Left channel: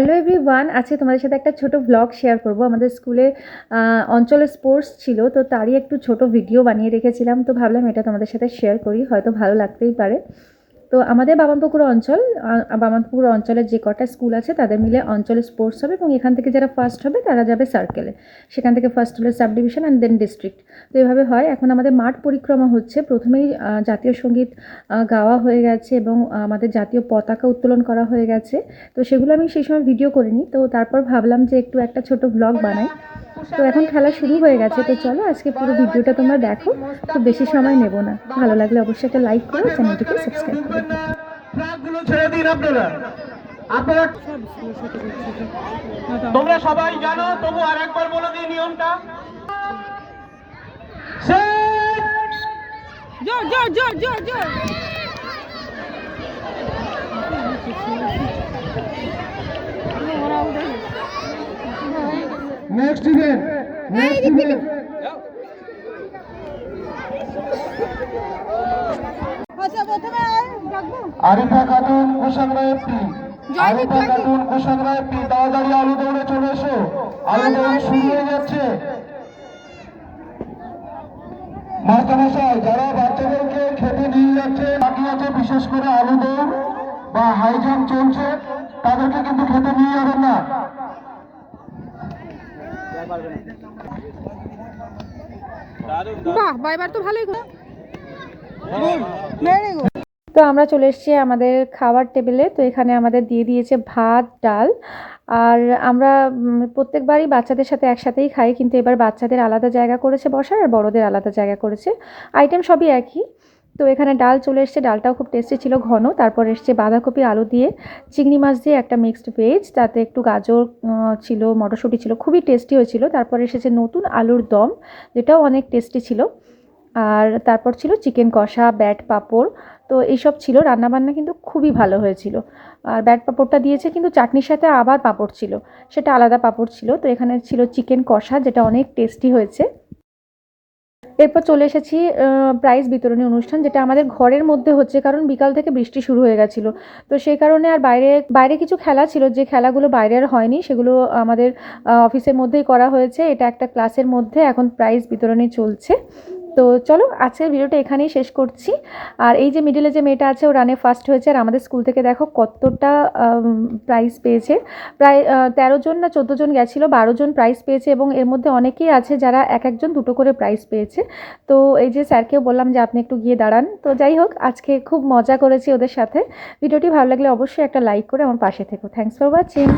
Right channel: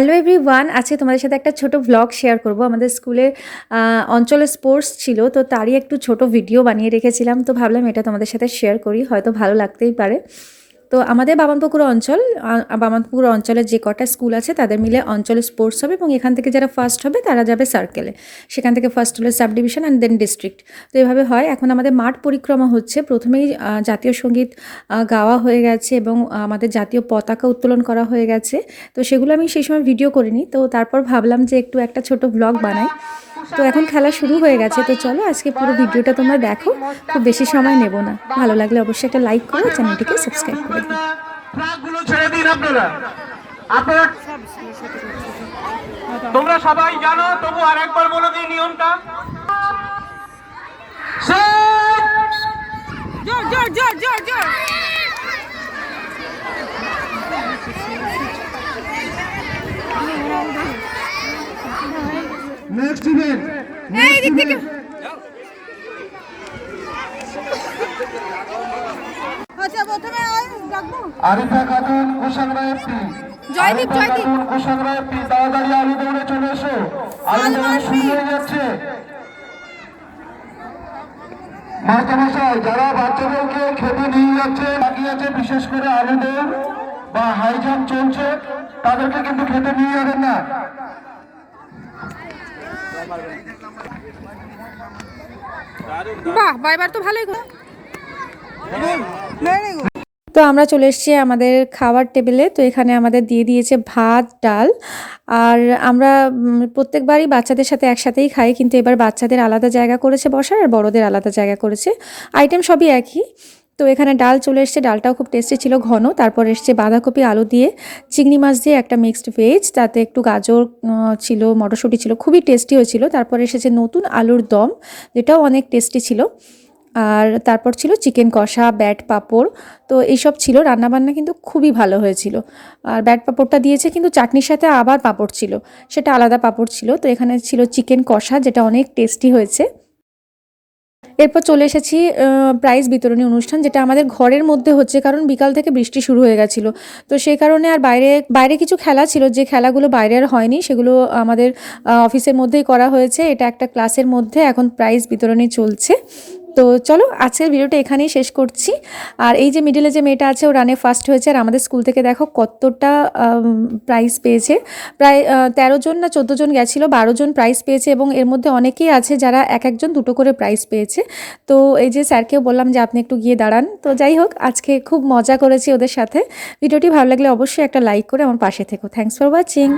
Hello every one আজকে তোমাদের সাথে একটা ছোট ব্লগ শেয়ার করব। আমাদের স্কুলে অঞ্চলে স্পোর্টস ছিল, তো তারই একটু ছোট ভিডিও বানিয়ে রেখেছিলাম। তো ভাবলাম এটা তোমাদের সাথে শেয়ার করি, হয়তো ভালো লাগতেই পারে। তো আমাদের বামনপুকুর অঞ্চল বামনপুকুর অঞ্চলের যে কটা স্কুল আছে, তাদের মিলে অঞ্চলে স্পোর্টস হবে এবং এখান থেকে যারা ফার্স্ট হবে, তারা যাবে সার্কেলে সেখান থেকে ফার্স্ট হলে sub division and then district তো এভাবে হয়, এখন আমাদের মাঠ পরিক্রমা হচ্ছে। প্রথমেই জাতীয় সংগীত গাওয়া হয়ে গেছে এবং আমাদের জাতীয় পতাকা উত্তোলন করা হয়ে গেছে। তো সেগুলো আমি সেই সময় ভিডিও করিনি। তো তারপর ভাবলাম যে একটু একটা ছোট ব্লগ বানাই। তো এখন খেলা শুরু হয়ে গেছে তো চলো আজকে পুরো ভিডিওটা তোমরা দেখো। খুব বেশি সময় নেব না। ভালো লাগলে অবশ্যই একটা লাইক করো চ্যানেলটিকে সাবস্ক্রাইব করে ছেড়ে দিন আপনারা। আপনারা তোমরা সবাই জানো তবু আরেকবার বলে দিই নিয়মটা! জোর জোর জোর জোর। নেক্সট ইভেন্ট দিক থেকে। আচ্ছা প্রথমে আরিফা খাতুন কুশাংরা এফপি জয়দীপ। খাতুন কুশাংরা এফপি তাড়াতাড়ি আলু দৌড়ে চলে এসো। আলু দৌড়ে শুরু হয়ে যাচ্ছে। মাস্টারমশাই যারা বাচ্চাদেরকে খেতে নিয়ে যাচ্ছে বাকি আছে বিশেষ করে আলু দৌড় বা হাই জাম্প চলছে তাদেরকে কিন্তু খেতে নিয়ে যাবেন না। বাহ তো ভালোই তো আমরা চলে এসেছি আমাদের খাবার টেবিলে। তো এখানে আমাদের দিয়ে দিয়েছে ভাত, ডাল। আর আমরা প্রত্যেকবারই বাচ্চাদের সাথে একসাথেই খাই, কিন্তু এবার বাচ্চাদের আলাদা জায়গা করেছে বসার আর বড়দের আলাদা জায়গা করেছে। আইটেম সবই একই। তো এখানে ডাল চলে এসছে। ডালটাও খুব টেস্টি ছিল, ঘন। তারপর এসছে বাঁধাকপি, আলু দিয়ে চিংড়ি মাছ দিয়ে একটা মিক্সড ভেজ তাতে একটু গাজর ছিল, মটরশুঁটি ছিল, খুবই টেস্টি হয়েছিল। তারপর এসেছে নতুন আলুর দম, যেটাও অনেক টেস্টি ছিল। আর তারপর ছিল চিকেন কষা ব্যাট পাঁপড়। তো এইসব ছিল। রান্নাবান্না কিন্তু খুবই ভালো হয়েছিল। আর ব্যাট পাঁপড়টা দিয়েছে কিন্তু চাটনির সাথে আবার পাঁপড় ছিল। সেটা আলাদা পাঁপড় ছিল। তো এখানে ছিল চিকেন কষা, যেটা অনেক টেস্টি হয়েছে। এরপর চলে এসেছি প্রাইজ বিতরণী অনুষ্ঠান, যেটা আমাদের ঘরের মধ্যে হচ্ছে, কারণ বিকাল থেকে বৃষ্টি শুরু হয়ে গেছিল। তো সেই কারণে আর বাইরে বাইরে কিছু খেলা ছিল, যে খেলাগুলো বাইরে আর হয়নি, সেগুলো আমাদের অফিসের মধ্যেই করা হয়েছে। এটা একটা ক্লাসের মধ্যে এখন প্রাইজ বিতরণী চলছে। তো চলো আজকের ভিডিওটা এখানেই শেষ করছি। আর এই যে মিডিলে যে মেয়েটা আছে, ও রানে ফার্স্ট হয়েছে আর আমাদের স্কুল থেকে দেখো কতটা প্রাইজ পেয়েছে। প্রায় তেরো জন না চোদ্দ জন গেছিল, বারো জন প্রাইজ পেয়েছে এবং এর মধ্যে অনেকেই আছে যারা এক একজন দুটো করে প্রাইজ পেয়েছে। তো এই যে স্যারকেও বললাম যে আপনি একটু গিয়ে দাঁড়ান। তো যাই হোক, আজকে খুব মজা করেছি ওদের সাথে। ভিডিওটি ভালো লাগলে অবশ্যই একটা লাইক করে আমার পাশে থেকো। Thanks for watching